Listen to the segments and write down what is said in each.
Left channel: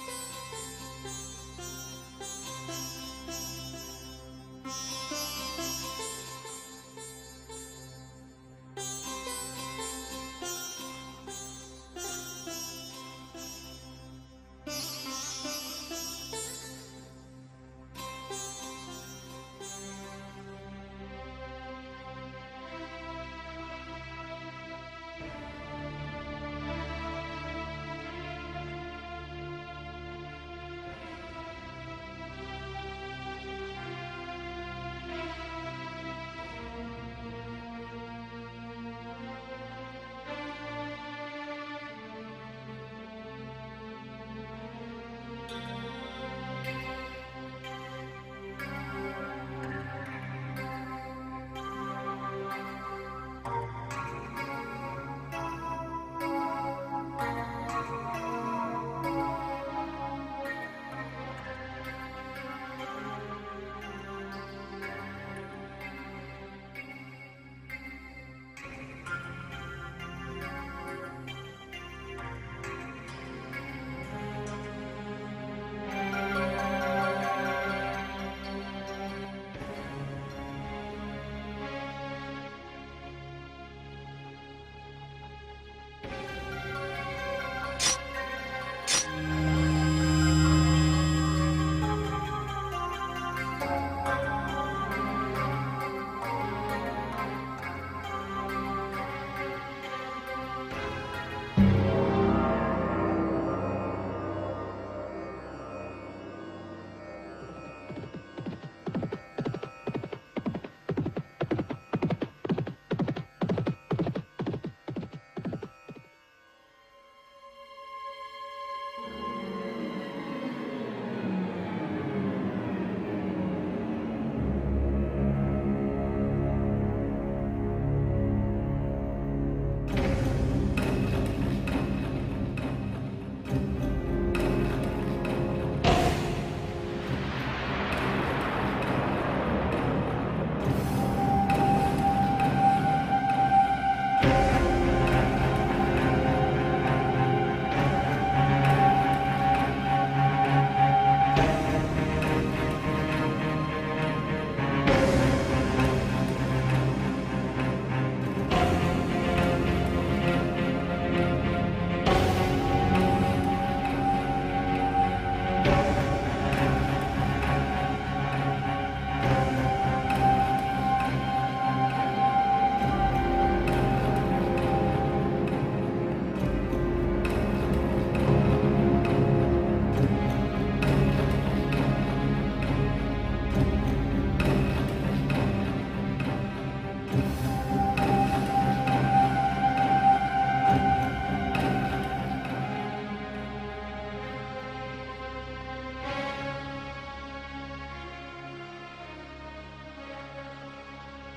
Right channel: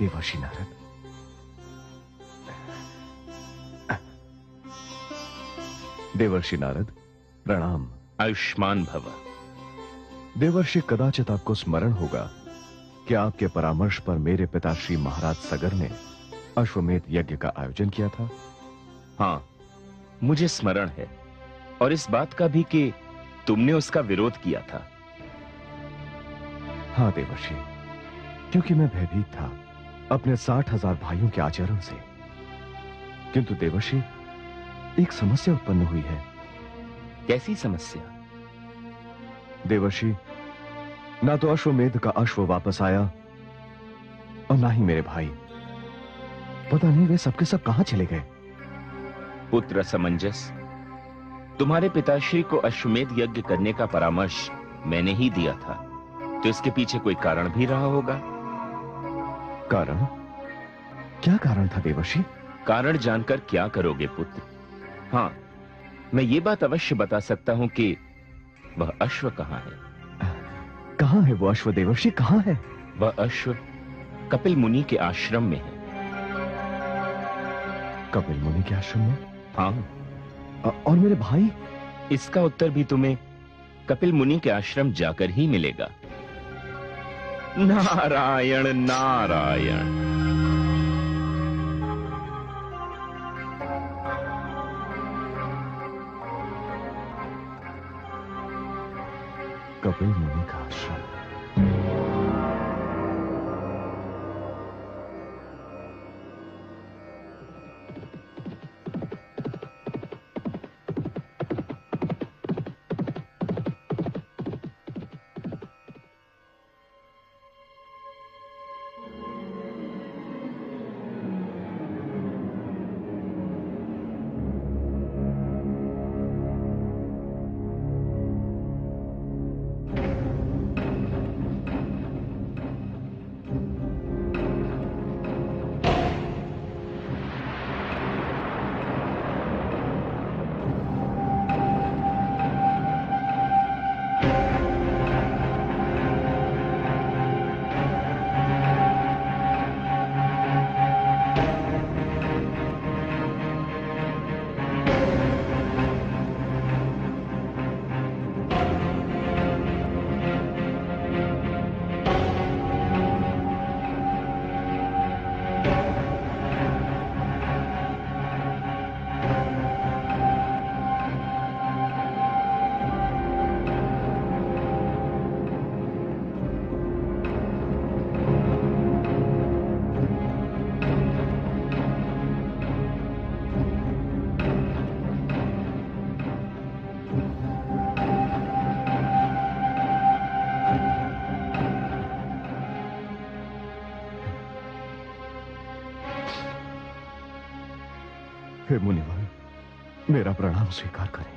देवर्षि नारद, देवर्षि नारद, प्रणाम। आयुष्मान भव। देवर्षि, कदाचित आपको स्मरण होगा कि आपके परामर्श पर मेरे पिता श्री महाराज सगर ने अश्वमेध यज्ञ का आयोजन किया था। हाँ, मुझे स्मरण है, और इस बात का भी कि तुमने उसका विरोध किया था। हाँ देवर्षि, क्योंकि मैं भयभीत था अपने 60,000 भाइयों के आचरण से। किंतु देवर्षि, एक समस्या उत्पन्न हुई है। कैसी समस्या? देवर्षि, ना तो अश्वमेध का अश्व वापस आया और ना ही मेरे भाई। पता नहीं वे सबके सब कहां चले गए। पुत्र असमंजस, तुम्हारे पिताश्री को अश्वमेध यज्ञ करने का परामर्श मैंने ही दिया था, तो इसके पीछे कोई कारण भी रहा होगा। कारण? क्या कारण था देवर्षि? कारण जानकर क्या करोगे पुत्र? हाँ, मैं ये बात अवश्य बता सकता हूं कि वह अश्व कहां है। कहां है वो अश्व देवर्षि, कहां है? वह अश्व कपिल मुनि के आश्रम में है। कपिल मुनि के आश्रम में? हाँ। और मेरे भाई? इसका उत्तर भी तुम्हें कपिल मुनि के आश्रम जाकर ही मिलेगा। नारायण नारायण। कपिल मुनि का आश्रम। हे मुनिवर, मेरा प्रणाम स्वीकार करें।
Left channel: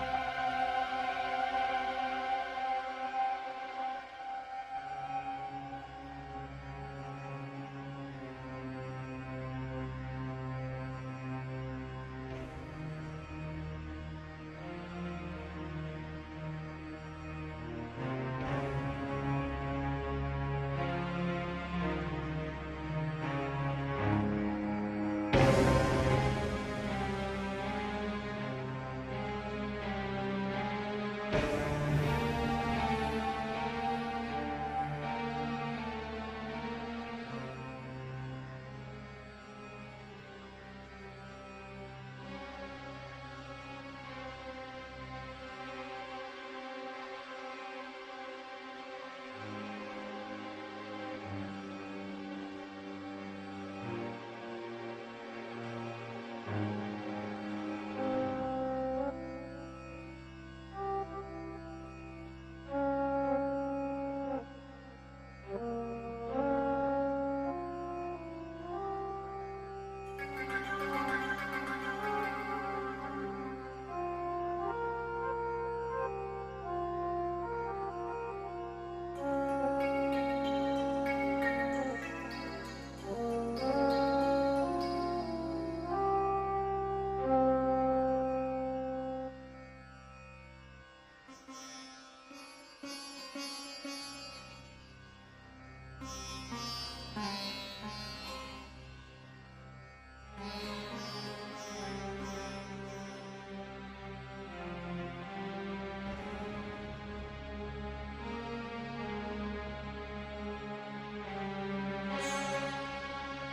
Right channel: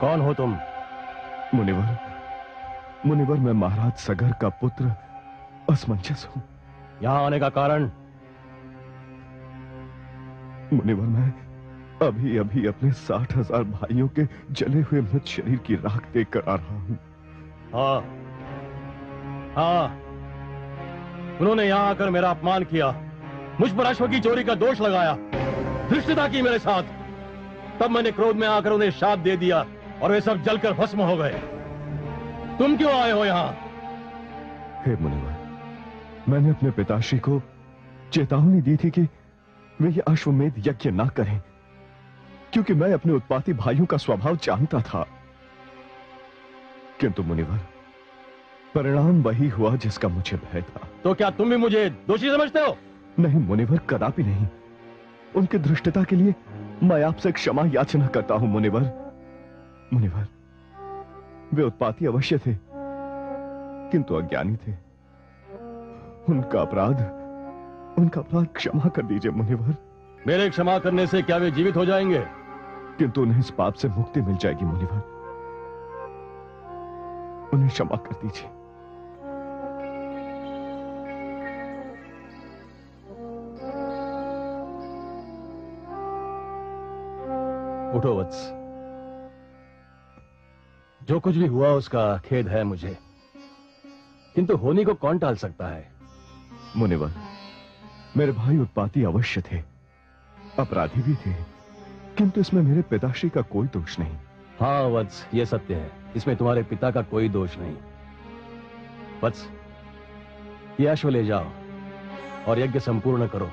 कौन हो तुम? मुनिवर, मुनिवर मैं महाराज सगर का पुत्र असमंजस हूं। यहां आने का कारण? मुनिवर, मैं अभी अभी अपने 60,000 भाइयों के जले हुए मृत शरीर की राख देखकर आ रहा हूं। हाँ, हाँ, उन्होंने यहां आकर मेरा अपमान किया, मुझ पर अश्व की चोरी का दोष लगाया, धृष्टता की मेरे साथ। तब मैंने क्रोध में आकर उन्हें शाप दे दिया और वे सब जलकर भस्म हो गए। तुम क्यों आए हो यहां? हे मुनिवर, मैंने अपने पिताश्री को चेतावनी दी थी कि वे ये अश्वमेध यज्ञ ना करें, क्योंकि मैं अपने उत्पाती भाइयों का स्वभाव जानता था। किंतु मुनिवर, परिणाम वही हुआ जिसका मुझे भय था। तो क्या तुम भी मुझे दोषी समझते हो? नहीं मुनिवर, कदापि नहीं। उनकी धृष्टता के लिए मैं आपसे क्षमा याचना करता हूं मुनिवर। मुनिवर, वे उत्पाती अवश्य थे, किंतु अज्ञानी थे। उनका अपराध क्षमा कर दीजिए मुनिवर। मेरे क्षमा करने से क्या वे जीवित हो जाएंगे? किंतु उन्हें इस पाप से मुक्ति मिल जाएगी मुनिवर। उन्हें क्षमा कर दीजिए। उठो वत्स। जो कुछ भी हुआ उसका खेद है मुझे, किंतु होनी को कौन टाल सकता है। मुनिवर, मेरे भाई उत्पाती अवश्य थे, अपराधी भी थे, किंतु इसमें मेरे पिताश्री का कोई दोष नहीं। हाँ वत्स, ये सत्य है, इसमें तुम्हारे पिता का कोई दोष नहीं। वत्स, ये अश्व ले जाओ और यज्ञ संपूर्ण करो,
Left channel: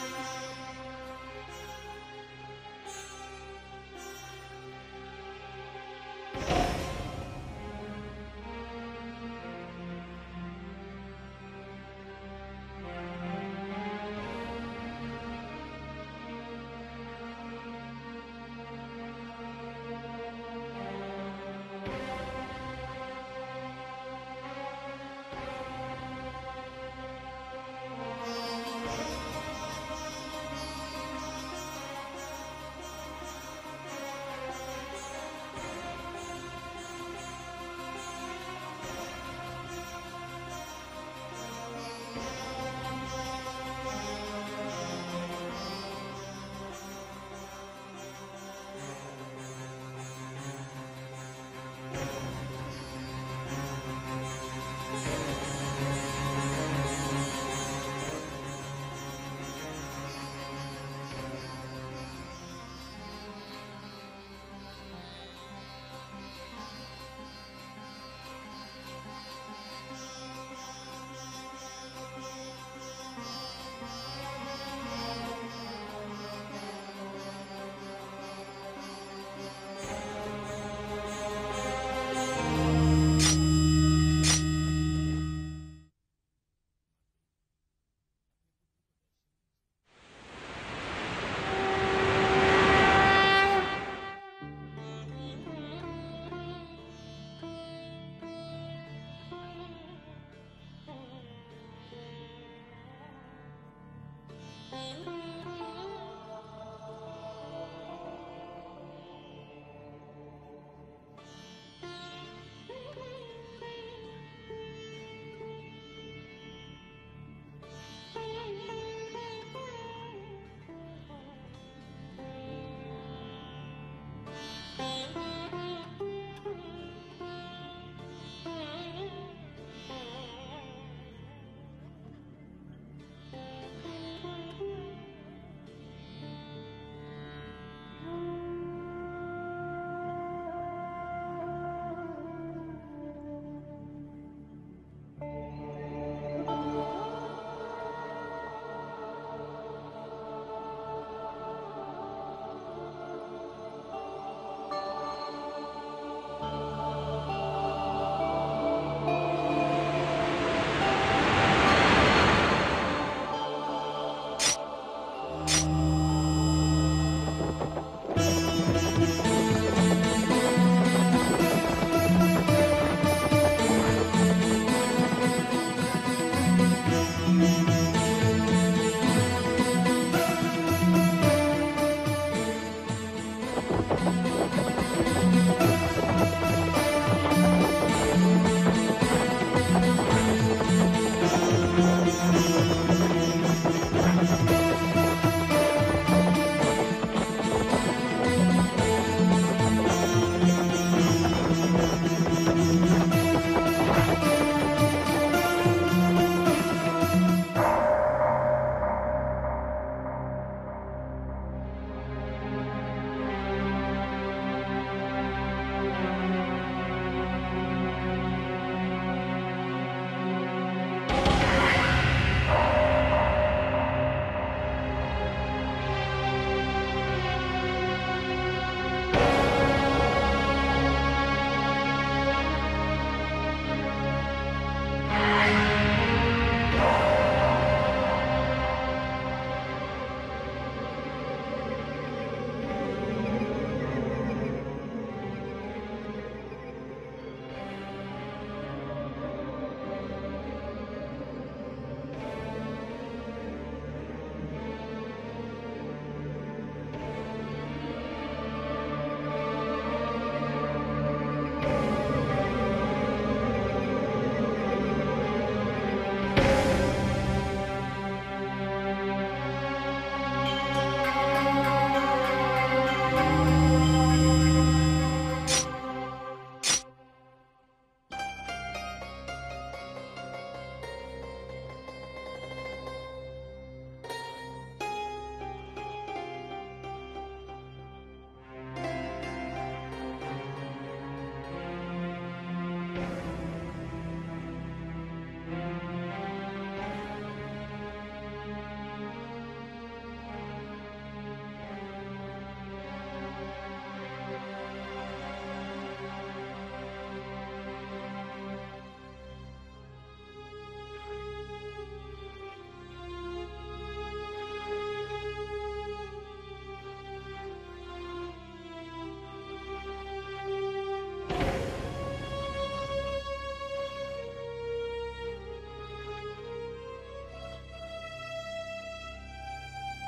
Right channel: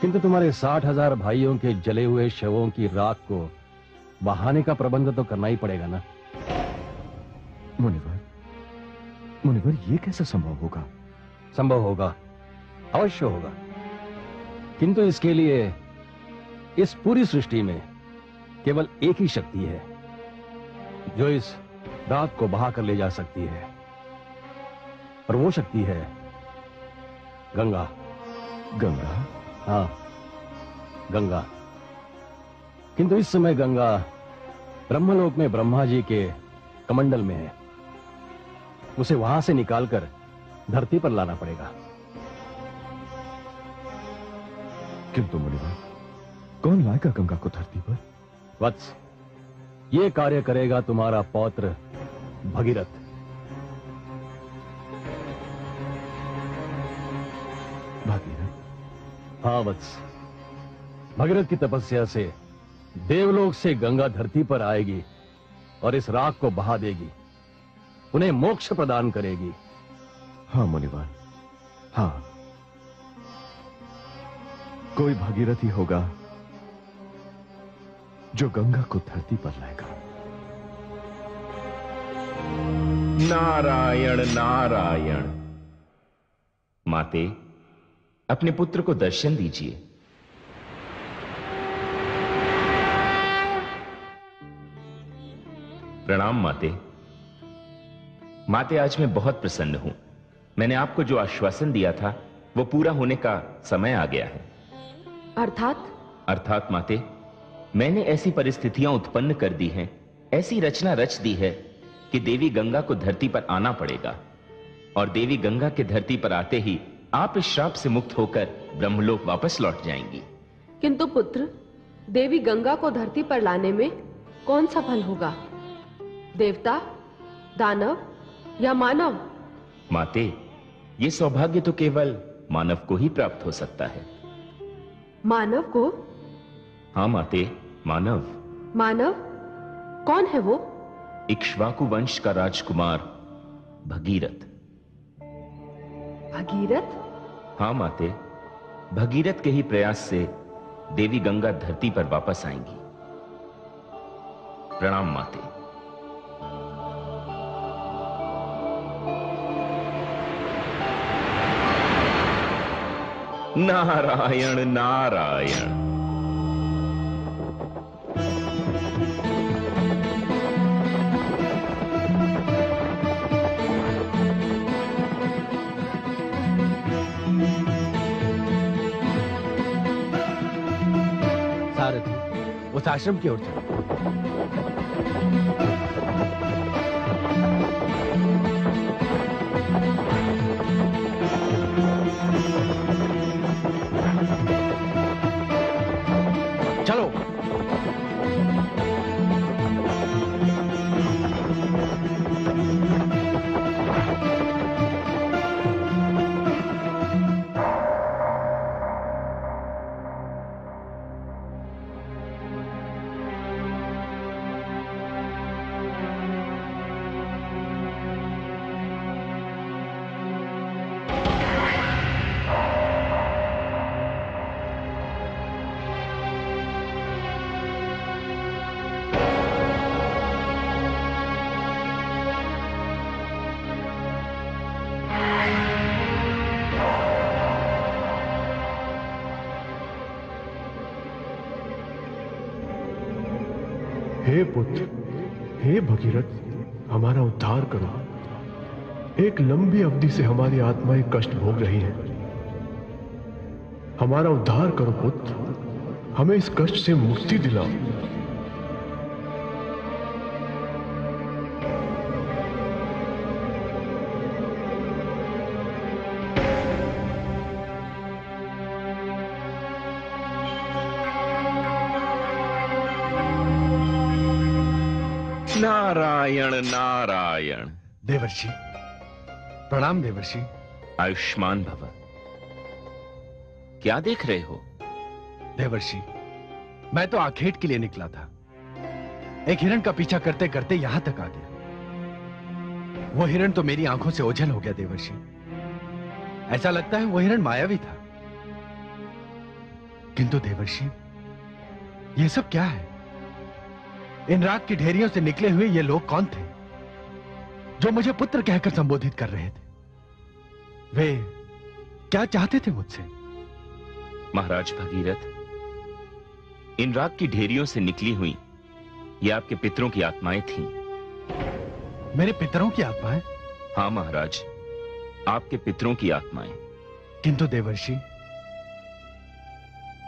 किंतु तुम्हारे 60,000 भाइयों के जले हुए शवों की राख को बहाने का प्रबंध तो करना ही पड़ेगा ना। मुनिवर, मुनिवर, ये कैसे संभव होगा? संभव होगा, अवश्य होगा, किंतु इसके लिए इस पूरी सृष्टि में केवल एक ही शक्ति है जो इस राख को बहा कर ले जा सकती है, और वो शक्ति है गंगा। गंगा? हाँ, गंगा। किंतु इस समय गंगा ब्रह्मलोक में ब्रह्मा जी के कमंडल में है, उसे वहां से निकालकर धरती पर लाना पड़ेगा। किंतु मुनिवर, कौन लाएगा गंगा को धरती पर? वत्स, ये कार्य करेगा तुम्हारा पौत्र भगीरथ। हाँ वत्स, भगीरथ की तपस्या से देवलोक से गंगा धरती पर आएगी और इस राख को बहा देगी, उन्हें मोक्ष प्रदान करेगी। हाँ मुनिवर, हाँ, कोई भागीरथ ही होगा जो गंगा को धरती पर लाएगा। नारायण नारायण। माते, अपने पुत्र को दर्शन दीजिए। प्रणाम माते। माते, आज मैं बहुत प्रसन्न हूं। मैंने आपको जो आश्वासन दिया था वो पूरा होने का समय आ गया है। अर्थात माते, मैंने ऐसी परिस्थितियां उत्पन्न कर दी हैं, ऐसी रचना रच दी है कि देवी गंगा को धरती पर आना पड़ेगा, और देवी गंगा के धरती पर आते ही आप इस श्राप से मुक्त होकर ब्रह्मलोक वापस लौट जाएंगी। किंतु पुत्र, देवी गंगा को धरती पर लाने में कौन सफल होगा? देवता, दानव या मानव? माते, ये सौभाग्य तो केवल मानव को ही प्राप्त हो सकता है। मानव को? हाँ माते, मानव। मानव? कौन है वो? इक्ष्वाकु वंश का राजकुमार भगीरथ। भगीरथ? हाँ माते, भगीरथ के ही प्रयास से देवी गंगा धरती पर वापस आएंगी। प्रणाम माते। नारायण नारायण। उस आश्रम की ओर चलो। हे पुत्र, हे भगीरथ, हमारा उद्धार करो। एक लंबी अवधि से हमारी आत्माएं कष्ट भोग रही हैं। हमारा उद्धार करो पुत्र, हमें इस कष्ट से मुक्ति दिलाओ। नारायण नारायण। देवर्षि, प्रणाम देवर्षि। आयुष्मान भव। क्या देख रहे हो? देवर्षि, मैं तो आखेट के लिए निकला था। एक हिरण का पीछा करते करते यहां तक आ गया। वो हिरण तो मेरी आंखों से ओझल हो गया देवर्षि। ऐसा लगता है वो हिरण मायावी था। किंतु देवर्षि, ये सब क्या है? इन राख की ढेरियों से निकले हुए ये लोग कौन थे जो मुझे पुत्र कहकर संबोधित कर रहे थे? वे क्या चाहते थे मुझसे? महाराज भगीरथ, इन राख की ढेरियों से निकली हुई ये आपके पितरों की आत्माएं थीं। मेरे पितरों की आत्माएं? हाँ महाराज, आपके पितरों की आत्माएं। किंतु देवर्षि,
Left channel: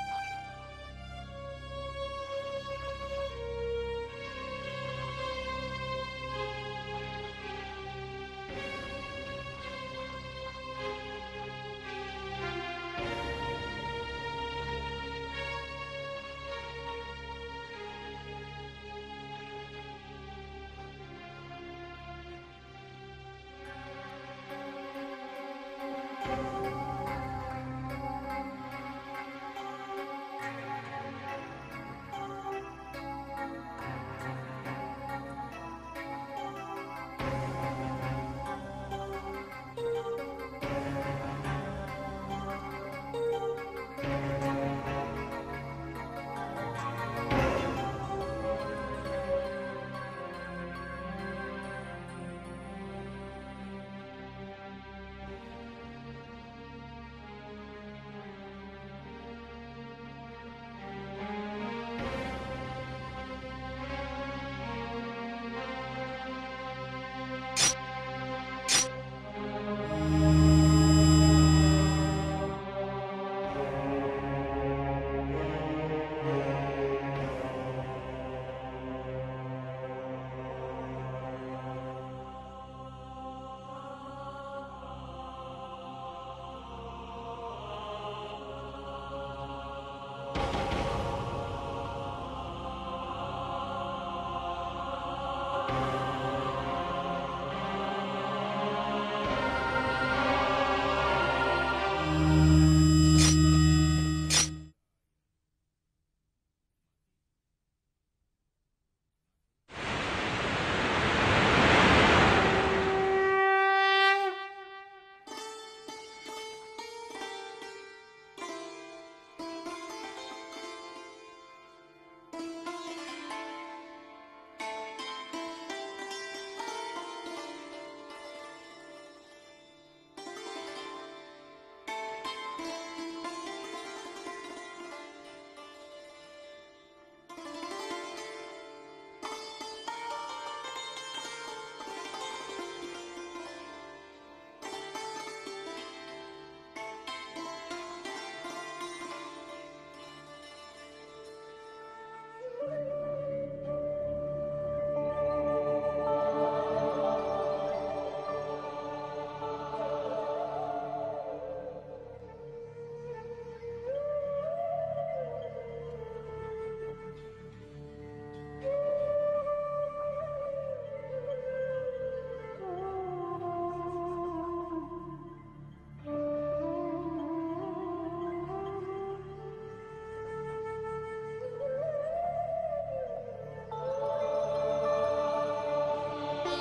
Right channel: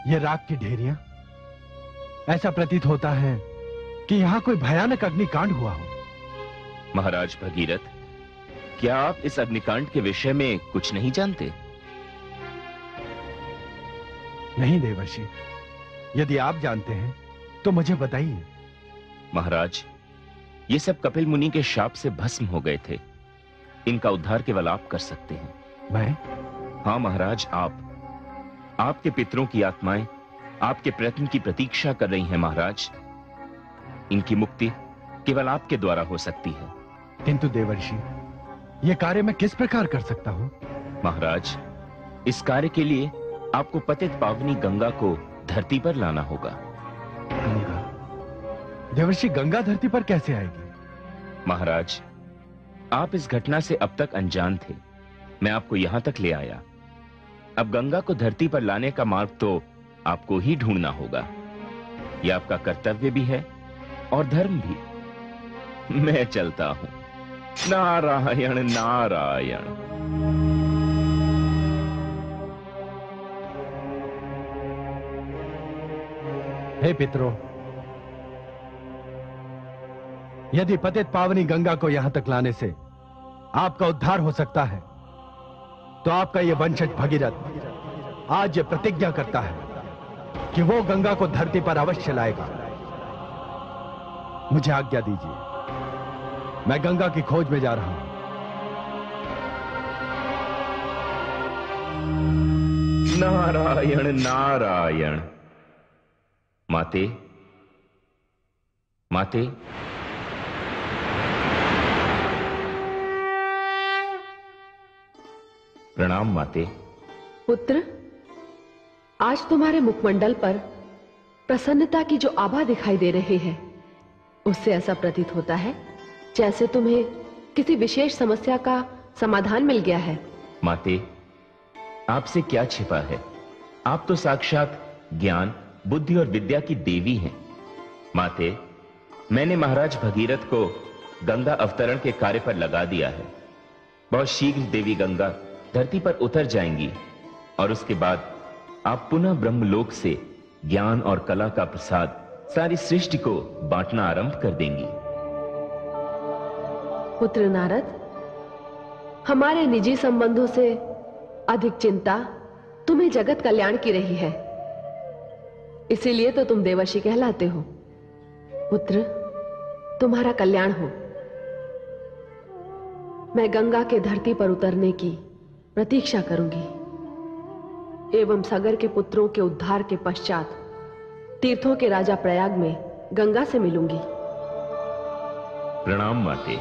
ये राख की ढेरियां, ऐसा प्रतीत होता है कि यहां कोई भयानक अग्निकांड हुआ हो। महाराज भगीरथ, क्या आप इस अग्निकांड के विषय में कुछ नहीं जानते? नहीं देवर्षि, यदि आप जानते हैं तो मुझे बताइए। महाराज, ये सब कपिल मुनि के शाप से भस्म हो गए थे। इनका उद्धार केवल आप कर सकते हैं। मैं? हाँ महाराज, आप। आपके पितरों की आत्माएं आपके प्रयत्न की प्रतीक्षा कर रही हैं महाराज। इनकी मुक्ति केवल आपके द्वारा हो सकती है। किंतु देवर्षि, यह कार्य मैं किस प्रकार कर सकता हूं? महाराज, इस कार्य के लिए आपको पतित पावनी गंगा को धरती पर लाना होगा। देवर्षि, गंगा धरती पर कैसे आएगी? महाराज, आप इस घटना से अब तक अनजान थे। मैं आपको यहां तक ले आया। अब गंगा को धरती पर लाने का मार्ग तो आपको ही ढूंढना होगा। यह आपका कर्तव्य भी है और धर्म भी। मैं चलता हूं। नारायण नारायण। हे पितरों, यदि पतित पावनी गंगा को यहां तक लाने से आपका उद्धार हो सकता है, तो आपका यह वंशज भगीरथ आज ये प्रतिज्ञा करता है कि वो गंगा को धरती पर अवश्य लाएगा। मुझे आज्ञा दीजिए, मैं गंगा की खोज में जा रहा हूं। नारायण नारायण। माते, माते, प्रणाम माते। पुत्र, आज तुम्हारे मुखमंडल पर प्रसन्नता की जो आभा दिखाई दे रही है, उससे ऐसा प्रतीत होता है जैसे तुम्हें किसी विशेष समस्या का समाधान मिल गया है। माते, आपसे क्या छिपा है? आप तो साक्षात ज्ञान, बुद्धि और विद्या की देवी हैं। माते, मैंने महाराज भगीरथ को गंगा अवतरण के कार्य पर लगा दिया है। बहुत शीघ्र देवी गंगा धरती पर उतर जाएंगी और उसके बाद आप पुनः ब्रह्मलोक से ज्ञान और कला का प्रसाद सारी सृष्टि को बांटना आरंभ कर देंगी। पुत्र नारद, हमारे निजी संबंधों से अधिक चिंता तुम्हें जगत कल्याण की रही है, इसीलिए तो तुम देवर्षि कहलाते हो। पुत्र, तुम्हारा कल्याण हो। मैं गंगा के धरती पर उतरने की प्रतीक्षा करूंगी एवं सागर के पुत्रों के उद्धार के पश्चात तीर्थों के राजा प्रयाग में गंगा से मिलूंगी। प्रणाम माते।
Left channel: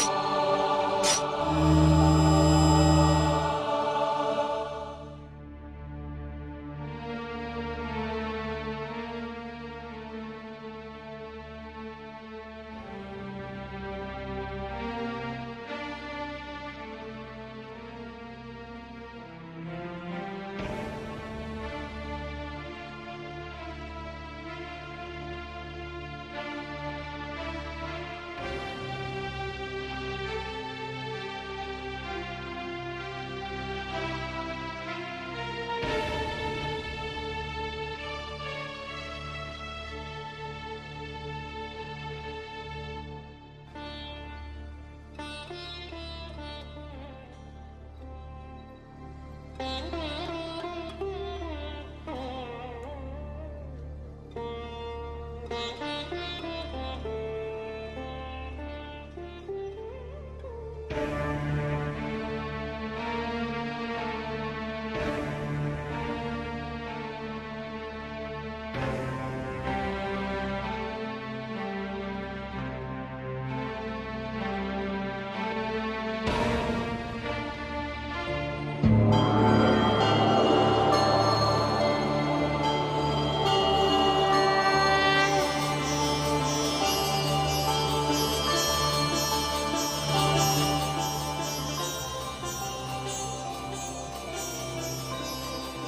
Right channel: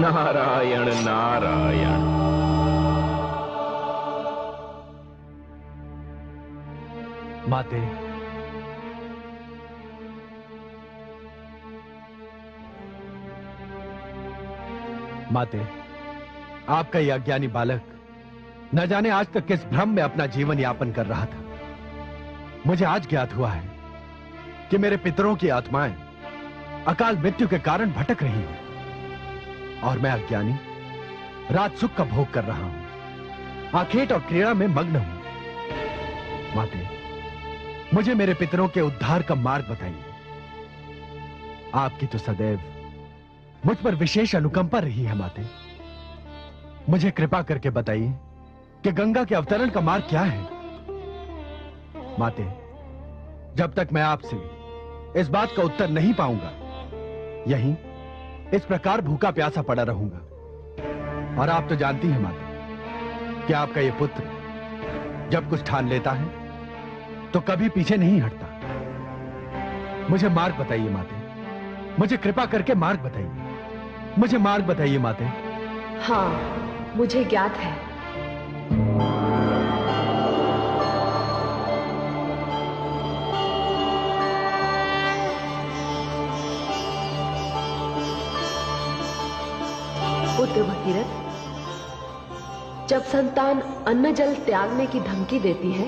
नारायण नारायण। माते, माते, आपका यह अज्ञानी बालक न जाने आज तक किस भ्रम में अपना जीवन यापन कर रहा था। मुझे आज ज्ञात हुआ है कि मेरे पितरों की आत्माएं अकाल मृत्यु के कारण भटक रही हैं और मैं अज्ञानी रात सुख का भोग कर रहा हूं, आखेट और क्रीड़ा में मग्न हूं। माते, मुझे मेरे पितरों के उद्धार का मार्ग बताइए। आपकी तो सदैव मुझ पर विशेष अनुकंपा रही है माते। मुझे कृपा करके बताइए कि गंगा के अवतरण का मार्ग क्या है। माते, जब तक मैं आपसे इस बात का उत्तर नहीं पाऊंगा, यहीं इस प्रकार भूखा प्यासा पड़ा रहूंगा। और आप तो जानती हैं माते कि आपका ये पुत्र जब कुछ ठान लेता है तो कभी पीछे नहीं हटता। मुझे मार्ग बताइए माते, मुझे कृपा करके मार्ग बताइए, मुझे मार्ग बताइए माते। हाँ, मुझे ज्ञात है। पुत्र भगीरथ, जब संतान अन्न जल त्यागने की धमकी देती है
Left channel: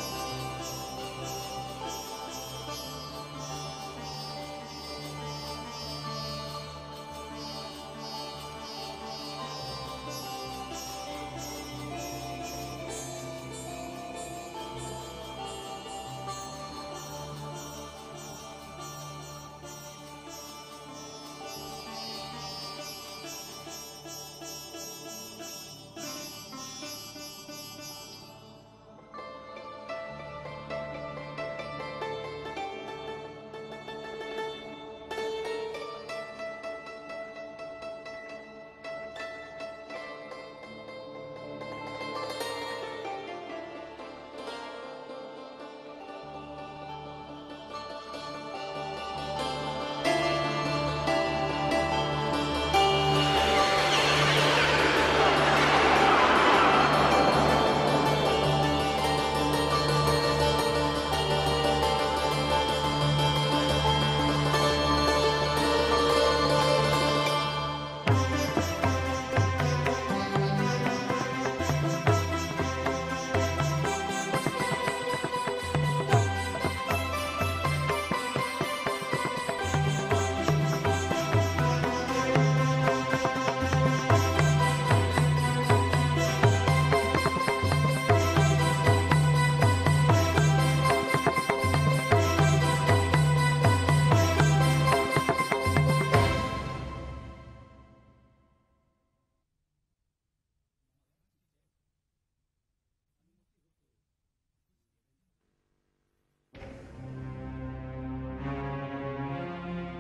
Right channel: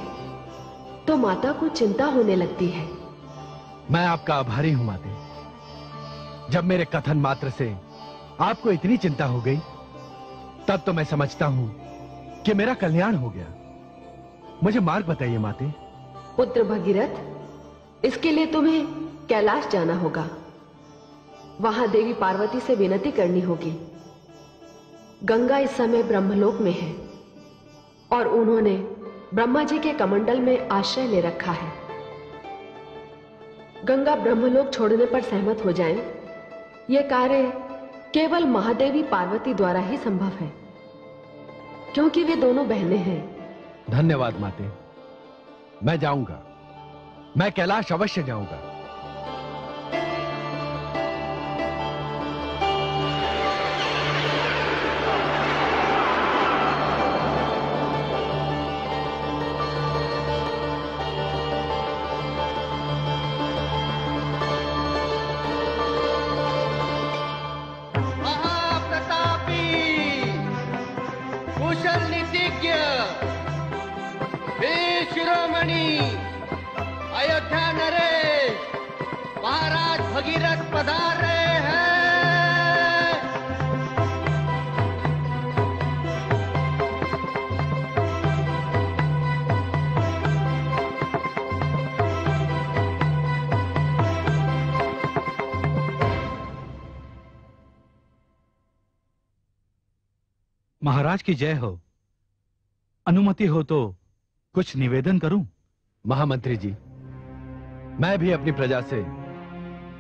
तो माता को चिंता होने लगती है। मैं आपका आभारी हूं माते। जब मेरे कथन मात्र से आपको इतनी चिंता हो गई, तब तो मैं समझता हूं कि मेरा कल्याण हो गया। मुझे मार्ग बताइए माते। पुत्र भगीरथ, इसके लिए तुम्हें कैलाश जाना होगा। वहां देवी पार्वती से विनती करनी होगी। गंगा इस समय ब्रह्मलोक में है और उन्होंने ब्रह्मा जी के कमंडल में आश्रय ले रखा है। गंगा ब्रह्मलोक छोड़ने पर सहमत हो जाएं, यह कार्य केवल महादेवी पार्वती द्वारा ही संभव है, क्योंकि वे दोनों बहनें हैं। धन्यवाद माते, मैं जाऊंगा, मैं कैलाश अवश्य जाऊंगा। महाराज की जय हो। अनुमति हो तो कुछ निवेदन करूं? महामंत्री जी, मैं भी अपनी प्रजा से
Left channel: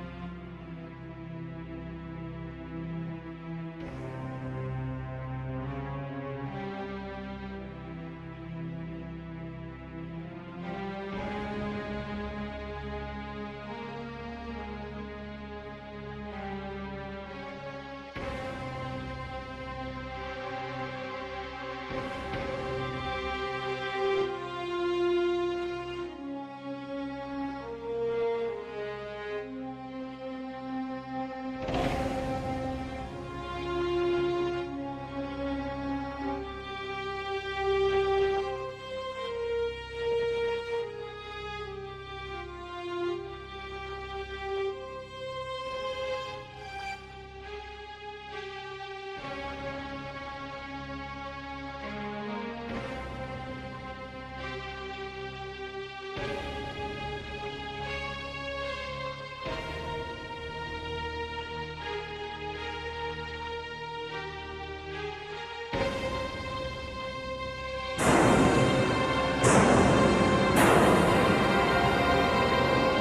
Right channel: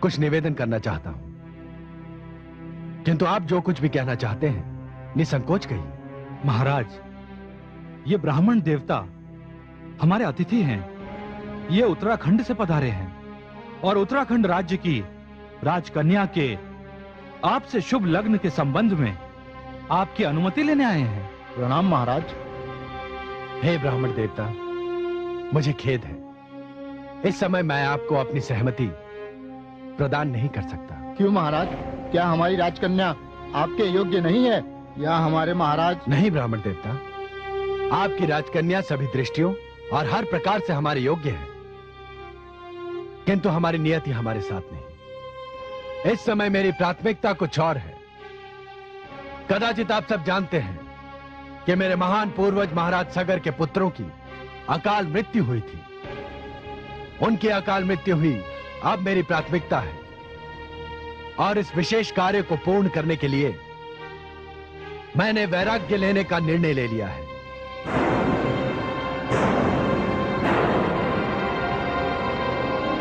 कुछ निवेदन करना चाहता हूं, किंतु आप जो कुछ भी कहना चाहते हैं निसंकोच कहिए। महाराज, ये ब्राह्मण देवता हमारे अतिथि हैं। ये उत्तराखंड से पधारे हैं और उत्तराखंड राज्य की राजकन्या के आपसे शुभ लग्न के संबंध में आपकी अनुमति लेने आए हैं। प्रणाम महाराज। हे ब्राह्मण देवता, मुझे खेद है, इस समय मैं आपको अपनी सहमति प्रदान नहीं कर सकता। क्यों महाराज, क्या हमारी राजकन्या आपके योग्य नहीं है या हमारे महाराज? नहीं ब्राह्मण देवता, आपकी राजकन्या सभी दृष्टियों और हर प्रकार से हमारे योग्य है, किंतु हमारी नियति हमारे साथ नहीं। इस समय मेरी प्राथमिकता कुछ और है। कदाचित आप सब जानते हैं कि मेरे महान पूर्वज महाराज सगर के पुत्रों की अकाल मृत्यु हुई थी। उनकी अकाल मृत्यु हुई, अब मेरी प्राथमिकता है और इस विशेष कार्य को पूर्ण करने के लिए मैंने वैराग्य लेने का निर्णय ले लिया है।